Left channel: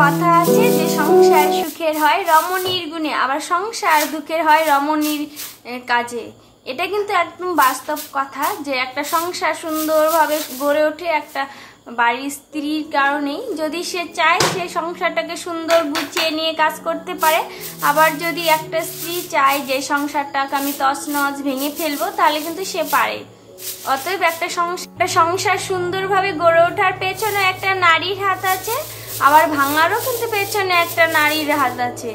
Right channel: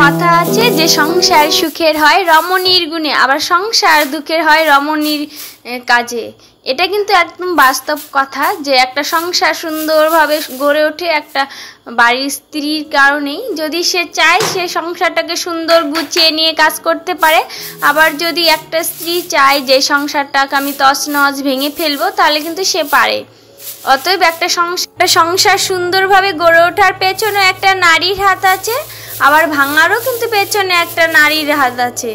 কথা আছে যে সংসার সুখের হয় রমণীর গুণে, আবার সংসার দুঃখের হয় রমণীর কাজে। এটা কিন্তু একদম বাস্তব কথা যে একটা সংসার সুন্দরভাবে গড়ে ওঠে একটা বাড়ির স্ত্রীর কারণেই। যদি সে চায় সে সংসারটাকে সুন্দর গুছিয়ে নিয়ে কাজ করতে পারে, আবার যদি একটা স্ত্রী চায় যে সংসারটাকে আমি তছনছ ভেঙে ফেলবো তাহলে কিন্তু সে পারে। অতএব একটা সংসার সুন্দরভাবে গড়ে ওঠার পেছনে একটা নারীর হাত আছে, আবার ভাঙারও কিন্তু পেছনে একটা নারীর হাত আছে।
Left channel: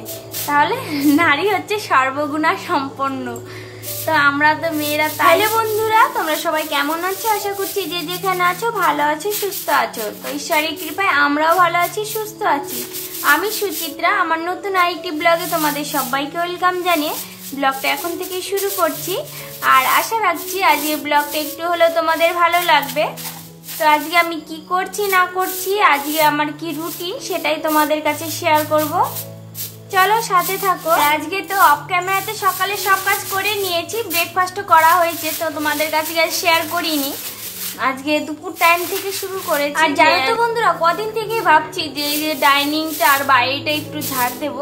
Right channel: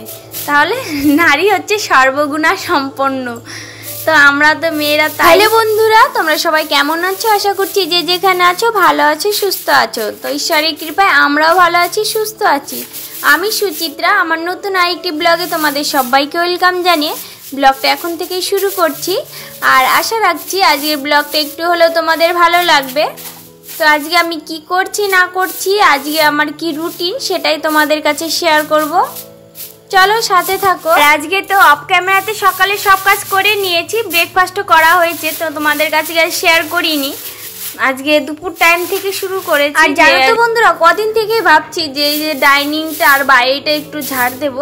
তাহলে নারী হচ্ছে সর্বগুণা সম্পন্ন। তো আমরা তো মেয়েরা। তাহলে বন্ধুরা তোমরা সবাই কেমন আছো? আশা করছি যে যেখানে আছো ভালো আছো, সুস্থ আছো। তো ঈশ্বরের কৃপায় আমরাও ভালো আছি, সুস্থ আছি। আমি সুচিত্রা, আমার নতুন আরেকটি ব্লগে তোমাদের সবাইকে ওয়েলকাম জানিয়ে ব্লগটা এখন থেকেই শুরু করছি। আর আশা রাখছি আজকের ব্লগটা একটু হলেও তোমাদের ভালো লাগবে। তো আজকে আমি কি করছি না করছি, আজকে আমার কি রুটিন, সেটাই তোমাদের কাছে শেয়ার করব। চলো সাথে থাকো। আজকে তো অফ ক্যামেরাতে সকালে সব কাজ করে নিয়েছি, ব্রেকফাস্টও করা হয়েছে, তো তোমাদের কাছে শেয়ার করিনি। আজকে দুপুর টাইম থেকে শুরু করেছি। আর জানো তো বন্ধুরা, কদিন থেকে ভাবছি যে এই যে ডাইনিংটা আর বাইরেটা একটু ঝাড় দেব।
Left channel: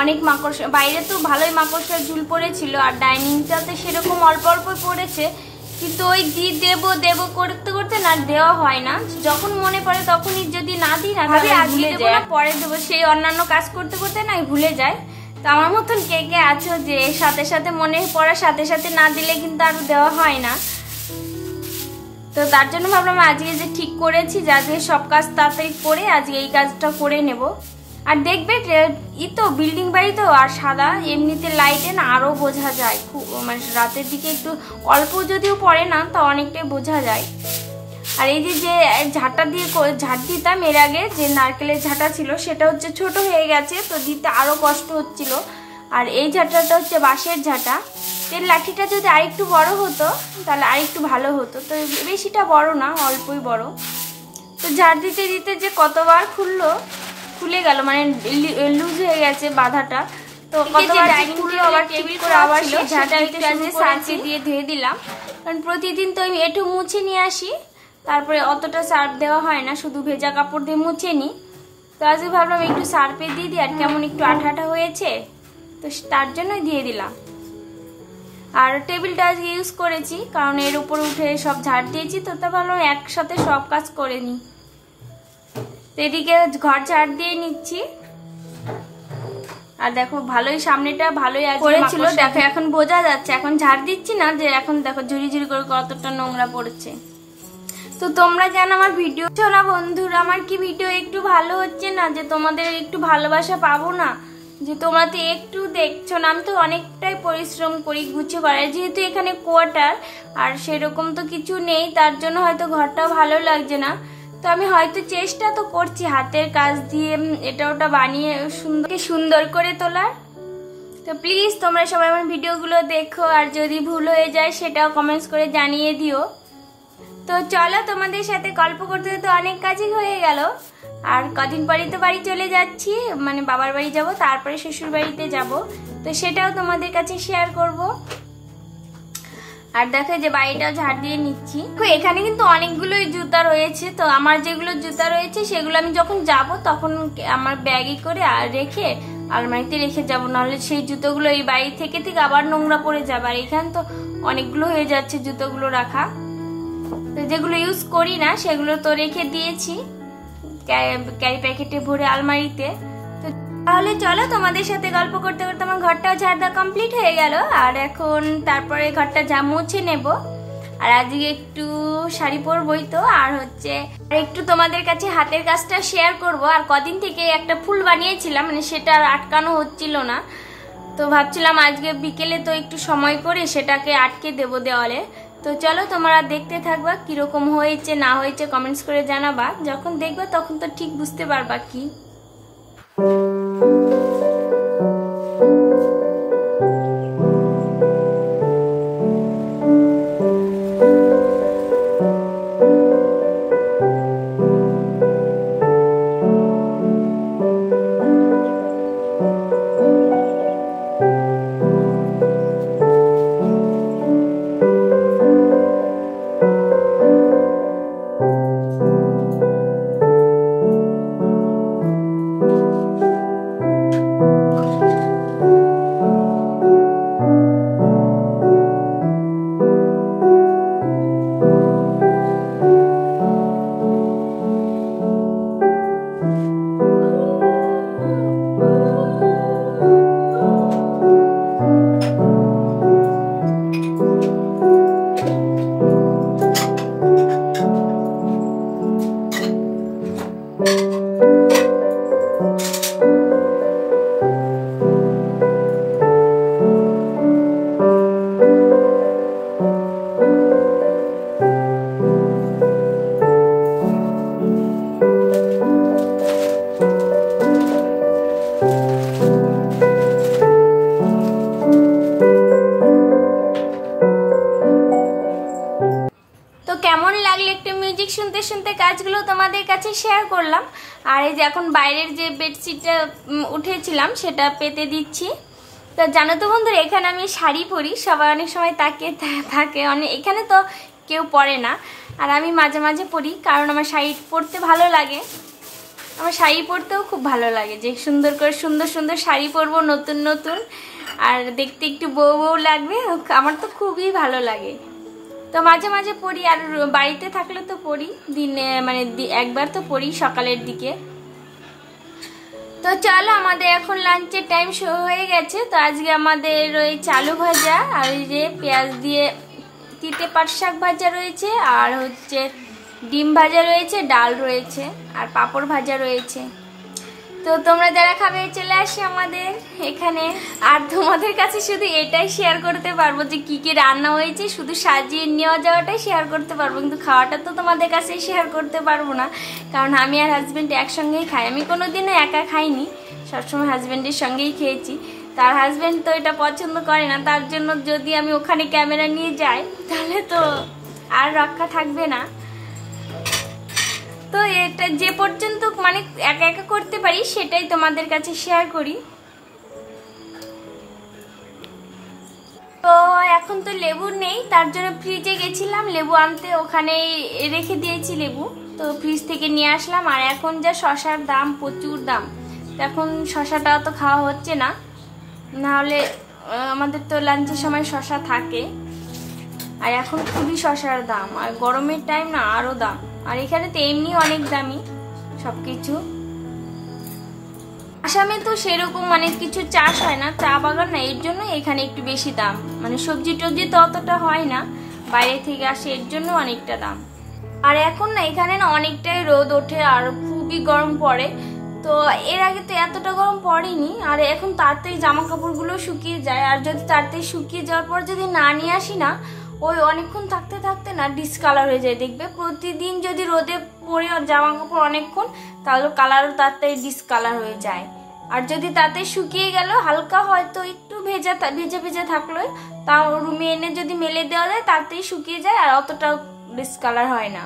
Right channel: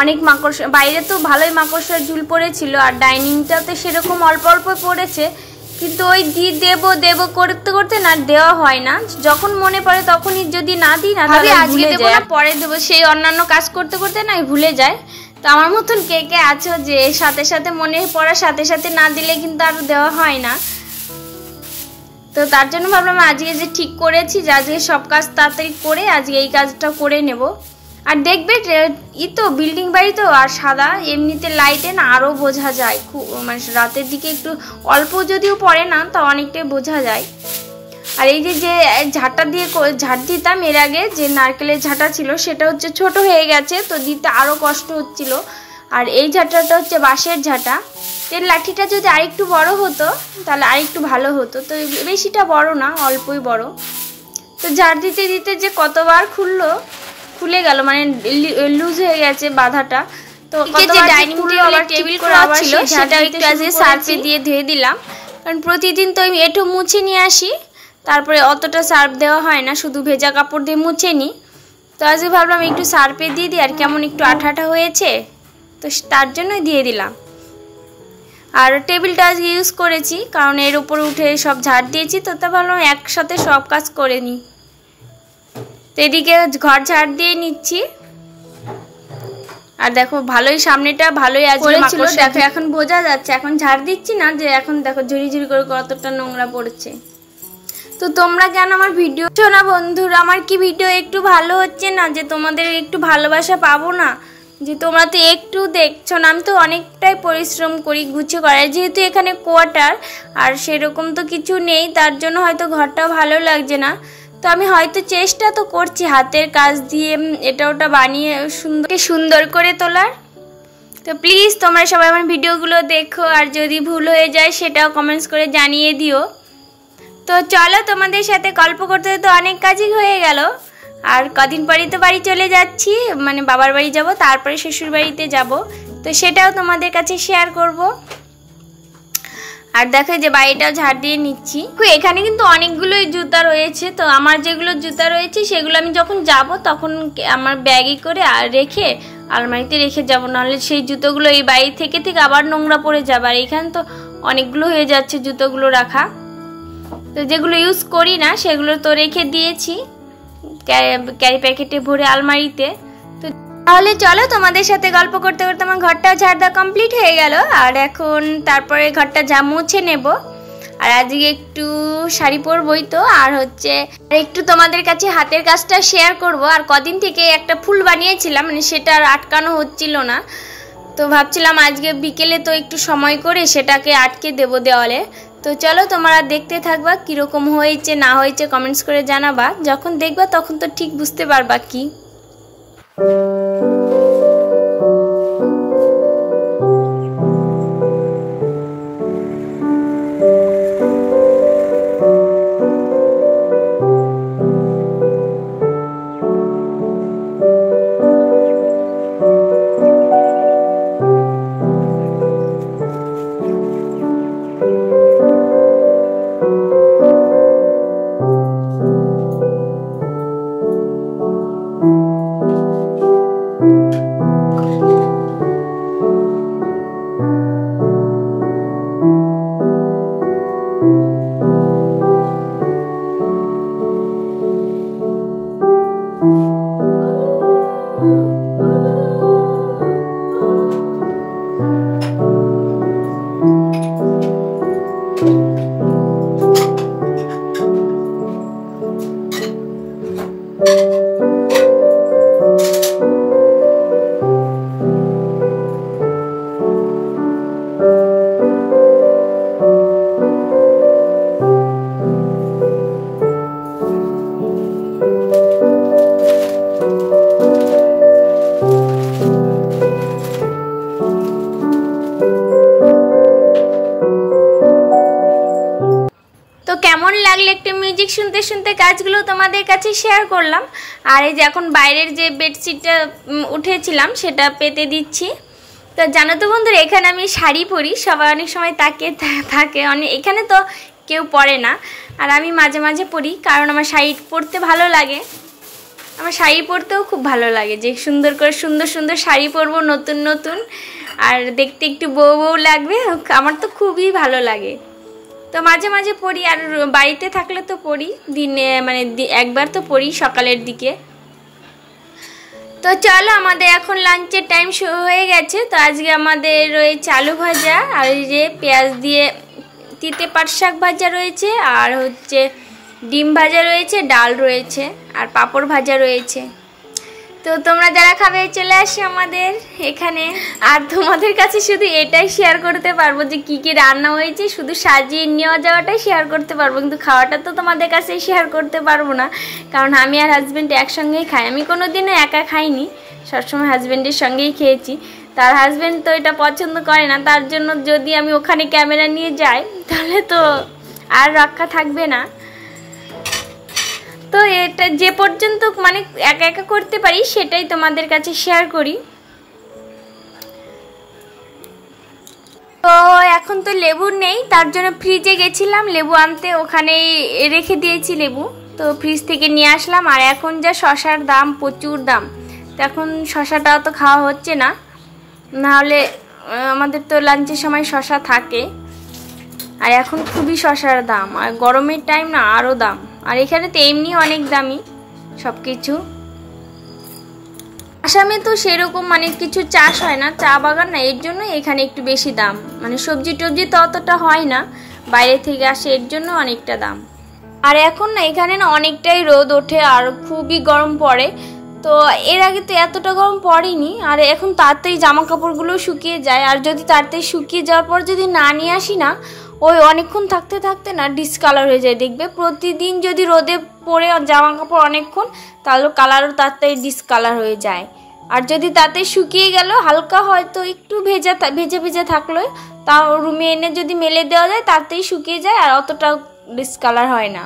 অনেক মাকড়সা, বাইরে তো ভালোই মাকড়সার ঝুল পড়েছিল, আর ডাইনিংটা তো সেরকম অল্প অল্প পড়েছে, কিন্তু ওই দেব করতে করতে না দেওয়া হয় না। যখন মনে পড়ে তখনই যদি না দিই না তাহলে আজকে দেবো না পরে দেবো, সেই অন্যান্য কাজ করতে করতে না ভুলে যায়। তো আমার মতন কে কে আছো যে সাথে সাথে মনে পড়ার সাথে সাথে না দিলে কিন্তু আর দেওয়া হয় না। তো তার জন্য ভাবলাম আজকে যে ঠিক করেছি যে আজকে সব কাজ তাড়াতাড়ি করে আজকে এই কাজটা করে নেব। আর দেখবে তো বিল্ডিং বাড়ি তো, আর সাদা এমনিতে লাইটে না আরও বোঝা যায়, খুব মানে রাতের দিকে একটু অল্প যদিও পড়ে না তা অনেকটাই বোঝা যায়। আর এই যে ঝাঁটা দিয়ে ঝাঁট দিতাম এর আগে, যে নারকেলের ঝাঁটা ছিল সেটা হচ্ছে ছোট হয়ে গেছে, তো দিতে আরও কষ্ট হচ্ছিল। আর এই ঝাঁটাটা হচ্ছে বাঁশের ঝাঁটা। এর লাঠিটা যদি আরেকটু বড় হতো তাহলে আরেকটু ভালো হতো, তো বেশিটা বড় না, অল্পই বড়। তো ঝাঁট দিতে দিতে যে কতবার খুলে গেল, মানে লুজ হয়ে গেছে বাঁধাটা। তো ডাইনিং টেবিল করা ছিল সেটা একটু আজকে সার্ফে দিয়ে ধুয়ে দিলাম, কারণ প্রতিদিন তো আমি এঁঠো মুছে নিয়ে আসি, তারপরে অতটা সার্ফ দেওয়া হয় না, শুধু ভেজা কাপড় দিয়ে মুছে নিই। তো আজকে ভাবলাম একটু সার্ফে দিয়ে দিই, আর কেমন একটু আঠা আঠা হয়েছে তো তার জন্যই দিয়ে দিলাম। আর টেবিলটা আজকে ইউজ করেছি কারণ এর উপর উঠে সব ঝাড় দিয়েছি, তো তা ভাবলাম একসাথে সব কাজ করে নিই। তো এদিকে ঘর ঝাড় দিয়ে নিচ্ছি। আর দেখো ভালোই সামনেটা ভালোই আজকে ছিল, দেখো এখন বোঝা যাচ্ছে, এখন ঝাড় দিচ্ছি না যে এখন দেখো ঝুড়ি ঝুড়ি করে কতটা নোংরা পড়েছে। তো তোমরা কেন আমার ভিডিও না বন্ধুরা, আমার কি ভিডিও একটু ভালো হচ্ছে না, যে তোমাদের একটু ভালোবাসা পাবো না, যে তোমরা তো একটু দেখছো না। আমি তো অনেকটাই পরিশ্রম করি গুছিয়ে করার, যেহেতু এখানে কোয়ার্টার আর সেরকম তো কিছু নেই, তার জন্য হয়তো ঘরটা ভালো লাগছে না। তো আমি হয়তো চেষ্টা তো করছি হাতের কাজ দিয়ে এটা ওটা বানিয়ে সুন্দর করে তোলার। তো প্লিজ তোমরা সবাই আমার ভিডিওগুলো দেখো, আর যদি ভুল হয়ে যায় সেটাও কমেন্টস করে জানিয়ে দিও। তো চলো তোমাদের সাথে গল্প করতে তো অনেক কাজই হয়ে গেল, আর কদিন পরই তো বাড়ি চলে যাচ্ছি, মানে বাবার বাড়ি যাব, তারপরে শ্বশুর বাড়িতে যাব, তো সেটাও তোমাদের কাছে শেয়ার করব। আর দেখো যে বাড়িটাও ঝাড় দিয়ে নিচ্ছি। এখানে কিন্তু অনেকগুলোই জুতা রয়েছে, তো আমার যেগুলো জুতা রয়েছে সেগুলো আমি যখন যাব তখন আমার ব্যাগে করে রেখে আলমারিতে রেখে যাব, নাহলে সেই জুতোগুলো এই বাড়ি থেকে আবার নোংরা পড়ে যাবে। আর এখানে তো অনেকগুলো হয়ে যাচ্ছে জুতোগুলো রাখা, তো যেগুলো ইউজ করি না সেগুলো তো রেখে দিয়েছি ক্যারি প্যাকেটে ভরে আলমারিতে। তো তাহলে চলো তোমাদের সাথে গল্প করতে করতে আমার ঘরটা ঝাড় দেওয়া কমপ্লিট হয়ে গেল, আর এখন তারপরে ঘরটা মুছে নেব। আর আজকে একটু শাড়ি পরবই তো, আর হচ্ছে একটু তোমাদের কাছে হাতের কাজটা শেয়ার করব। আর কদিন থেকে একটা ফুল বানিয়েছিলাম, মানে সেটা আর আটকানো হচ্ছিল না, তো ভাবছিলাম আজকে বিকেলে তো একটু সময় করে সেটাকে আটকে দেব দেওয়ালে। তো চলো তোমরা দেখতে থাকবা কীরকম হয়েছে না হয়েছে কমেন্টস করে জানাবা। যখন দেখবা তখন তো ঠিক বুঝতে পারবা কি। তো কেমন লাগলো একটু মিউজিক শুনতে শুনতে কাজগুলো তোমাদের কাছে শেয়ার করলাম। আর এই যে এখন বাইরের যে বেডশিটটা উঠেছিলাম সেটা পেতে দিচ্ছি। তো জানো তো বন্ধুরা, এখানে আমি শাড়ি পরি, সবাই অনেক সময় তাকিয়ে থাকে, এখানে তো কেউ পরে না, আর আমি মাঝে মাঝে পরি কারণ আমার শাড়ি পরতে ভালো লাগে। আমার শাড়ি পরতেও খুব ভালো লাগে, যে সুন্দর করে সুন্দর সুন্দর শাড়ি পরবো নতুন নতুন, আর দেখতে একটু বউ বউ লাগবে, আমার তো খুবই ভালো লাগে। তো মাঝে মাঝে পড়ি, আর বাড়িতে থাকলে তো পড়ি, দিনে মানে একবার তো পড়ি সকালের দিকে। তো চলো আমাদের এখন লাঞ্চের টাইম শুরু হয়ে গেছে। তো আজকে আমাদের রয়েছে আলু ভাজা, আর এই যে পেঁয়াজ দিয়ে তিতে পাট শাক ভাজা রয়েছে, আর হচ্ছে ডিম ভাজা রয়েছে, ডাল রয়েছে, আর পাঁপড় ভাজা রয়েছে। তো তোমরা যারা খাবে চলে আসে আমাদের এখানে। আর তোমাদের কাছে শুধু এটাই শেয়ার করতে পারবো যে কি কি রান্না হয়েছে, শুধু সাজিয়ে নেওয়া যাওয়াটাই শেয়ার করতে পারবো, কিন্তু খাওয়াটা তো তোমাদের কাছে শেয়ার করতে পারবো না, কারণ আমি আর হাজব্যান্ড একসঙ্গেই খাই। আমি কোনোদিনও একা খাইনি, সবসময় হাজব্যান্ডের সঙ্গেই খেয়েছি। তার হাজব্যান্ড তো এটা পছন্দ করে না, তার জন্য যদি আমি ওখানে ক্যামেরা নিয়ে যাই তাহলে তো আর রক্ষা থাকবে না। তো এটা যে পর্যন্ত মানে একা একা করতে পারি সেটাই তোমাদের কাছে শেয়ার করি। তো এখন তো লেবু নেই, তার জন্য ফ্রিজে গেছিলাম লেবু আনতে, ওখানেই রেখে দিয়েছি লেবু, তো ফ্রিজ থেকে নিয়ে আসলাম। আর এখন যা শশার দাম, প্রচুর দাম, তো এখন শশাটাও তো খাওয়া হচ্ছে না, নাহলে আমাদের তো লাঞ্চের সময় শশা থাকে। আর এখন খুবই শশার দাম, আর গরমের টাইম না আরও দাম, আর এখানে তো এমনি অনেক দামি সব কিছু। আসামে তো সেরকম মানে কিছু চাষ হয় না, চা বাগান না, এর জন্য এখানে একটু বেশি দাম, মানে সবজি টবজি তো অতটা হয় না, বাইরে থেকে আসে, এর জন্য অনেকটা দাম। আর এখন না এখানে না অনেকটাই রোদ ওঠে আর খুবই গরম পড়ে, তো এর আগে তো এতটা গরম পড়েনি। আর এখন তাড়াতাড়ি জামা কাপড়গুলো শুকিয়ে যায়, আর যদি তাড়াতাড়ি শুকিয়ে যাওয়ার পর যদি না নিয়ে আসি না, ওই অনেকক্ষণ থাকতে থাকতে না ডিসকালার হয়ে যায়। দেখবে প্রতিদিন যদি রোদে পরে জামা কাপড় অনেকক্ষণ, তাহলে কালারও তাড়াতাড়ি ডিসকালার হয়ে যায়। আর যদি তাতে শুকিয়ে গেল হালকা হয়তো একটু ভেজা ভেজা থাকলো, তাও রুমে এনে যদি মেলে দেওয়া যায় তাড়াতাড়ি শুকিয়ে যায়, আর অতটা ডিসকালার হয় না।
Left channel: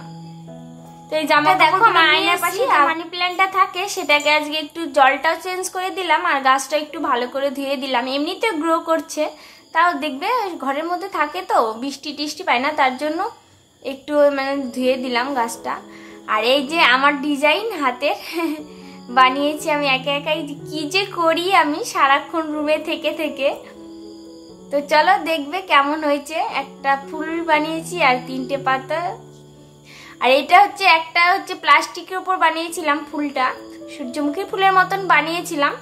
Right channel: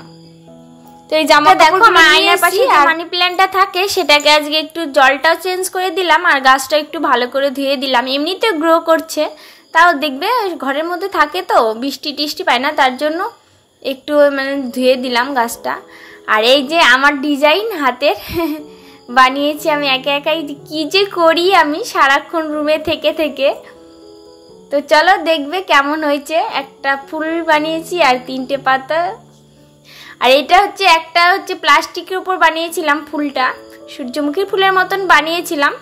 তো এই জামা দেখো আমার আয়নার পাশে মানি প্ল্যান্টটা থাকে, সেটাকে আজকে একটু জলটাও চেঞ্জ করে দিলাম, আর গাছটা একটু ভালো করে ধুয়ে দিলাম। এমনিতে গ্রো করছে, তাও দেখবে ঘরের মধ্যে থাকে তো বৃষ্টি টিষ্টি পায় না, তার জন্য একটু মানে ধুয়ে দিলাম গাছটা। আর এই যে আমার ডিজাইন হাতের বানিয়েছি আমি একা একাই, কি যে করি আমি সারাক্ষণ রুমে থেকে থেকে। তো চলো দেখবে কেমন হয়েছে। একটা ফুল বানিয়েছি আর 3টে পাতা, আর এটা হচ্ছে একটা হচ্ছে প্লাস্টিকের উপর বানিয়েছিলাম ফুলটা, সূর্যমুখীর ফুলের মতন বানিয়েছিলাম।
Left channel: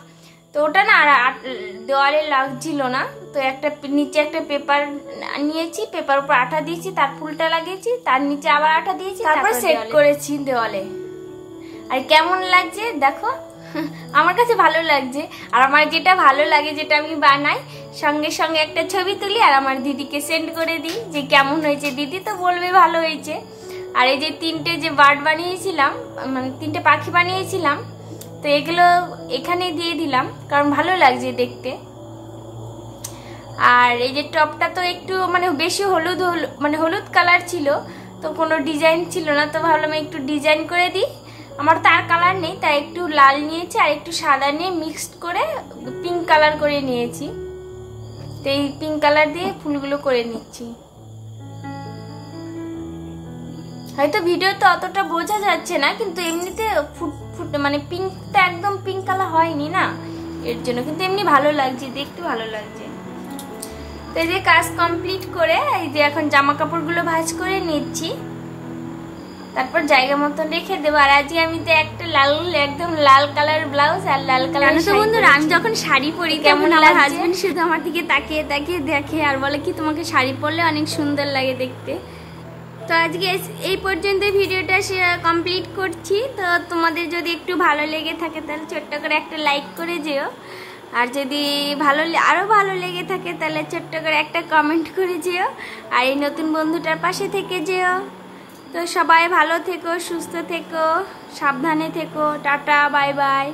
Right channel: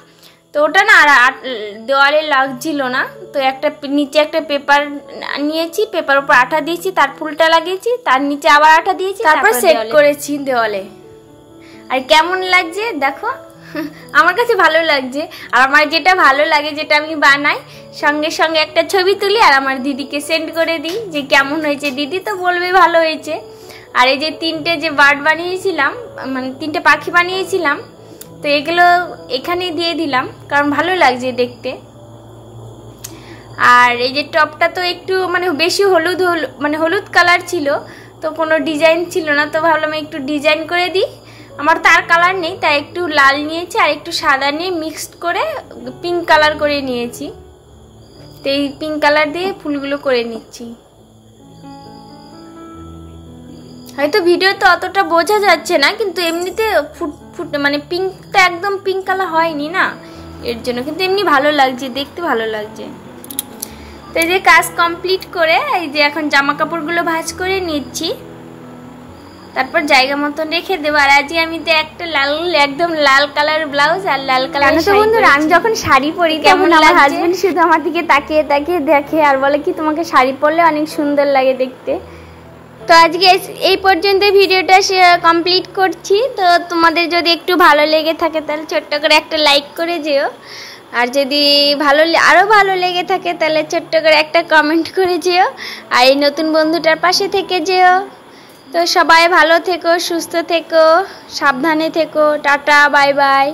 তো ওটা না আর দেওয়ালে লাগছিল না, তো একটা নিচে একটা পেপার নিয়েছি, পেপার উপর আঠা দিয়েছি, তার ফুলটা লাগিয়েছি, তার নিচে আবার আঠা দিয়েছি, তারপর সেট করেছি দেওয়ালে। আর কেমন লাগছে দেখো। আমার কাছে ভালো লাগছে। আর আমার যেটা ভালো লাগে, যেটা আমি বানাই, সঙ্গে সঙ্গে একটা ছবি তুলি আর আমার দিদিকে সেন্ড করে দিই যে কেমন হয়েছে। দিদি তো বলবে ভালো হয়েছে। আর এই যে 3টে যে বার্ড বানিয়েছিলাম, মানে 3টে পাখি বানিয়েছিলাম, তো এগুলো এখানে দিয়ে দিলাম কারণ ভালো লাগছে দেখতে। আর এই যে টপটা তো একটু মানে বেশি হলুদ কালার ছিল, তো কোনো ডিজাইন ছিল না, তো ভাবলাম একটু ডিজাইন করে দিই। আমার তো আর কালার নেই, তাই একটু লাল নিয়েছি আর একটু সাদা নিয়ে মিক্সড করে পিঙ্ক কালার করে নিয়েছি। তো এই পিঙ্ক কালার দিয়ে ফুলগুলো করে নিচ্ছি। হয়তো ভিডিওতে অতটা বোঝা যাচ্ছে না, কিন্তু এমনিতে মানে পিঙ্কটা একদম পিঙ্ক কালার হয়নি না, এর জন্য। কিন্তু এমনি ভালো লাগছে, দেখতে ভালো লাগছে। তো এই যে কাজ কমপ্লিট করে এই যে এখন জামা কাপড়গুলো ভাঁজ করে নিচ্ছি, তারপর জায়গা মতন রেখে দেবো। আর আজকে আমি তো একটা একদম লাল কালার ব্লাউজ আর লাল কালার। তো বন্ধুরা, আমি যখন শাড়ি পরি কেমন, আমার হাজবেন্ড শুধু আমার দিকে তাকিয়ে তাকিয়ে দেখে আর বলে কি তোমাকে শাড়ি পরলে অনেক সুন্দর লাগে দেখতে। তো আজকে এই পর্যন্ত ভিডিওটা কমপ্লিট করছি। তো তোমাদের যদি একটু ভালো লেগে থাকে তাহলে ছোট্ট করে একটা লাইক করে যেও, আর যদি আরও ভালো লেগে থাকে তাহলে ছোট্ট করে একটা কমেন্ট করে যেও, আর এই নতুন বন্ধুটার পাশে থেকে যেও। তো সবাই ভালো থেকো, সুস্থ থেকো, সাবধানে থেকো। টাটা, বাই বাই,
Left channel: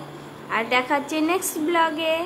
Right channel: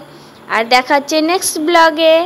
আর দেখা হচ্ছে নেক্সট ব্লগে।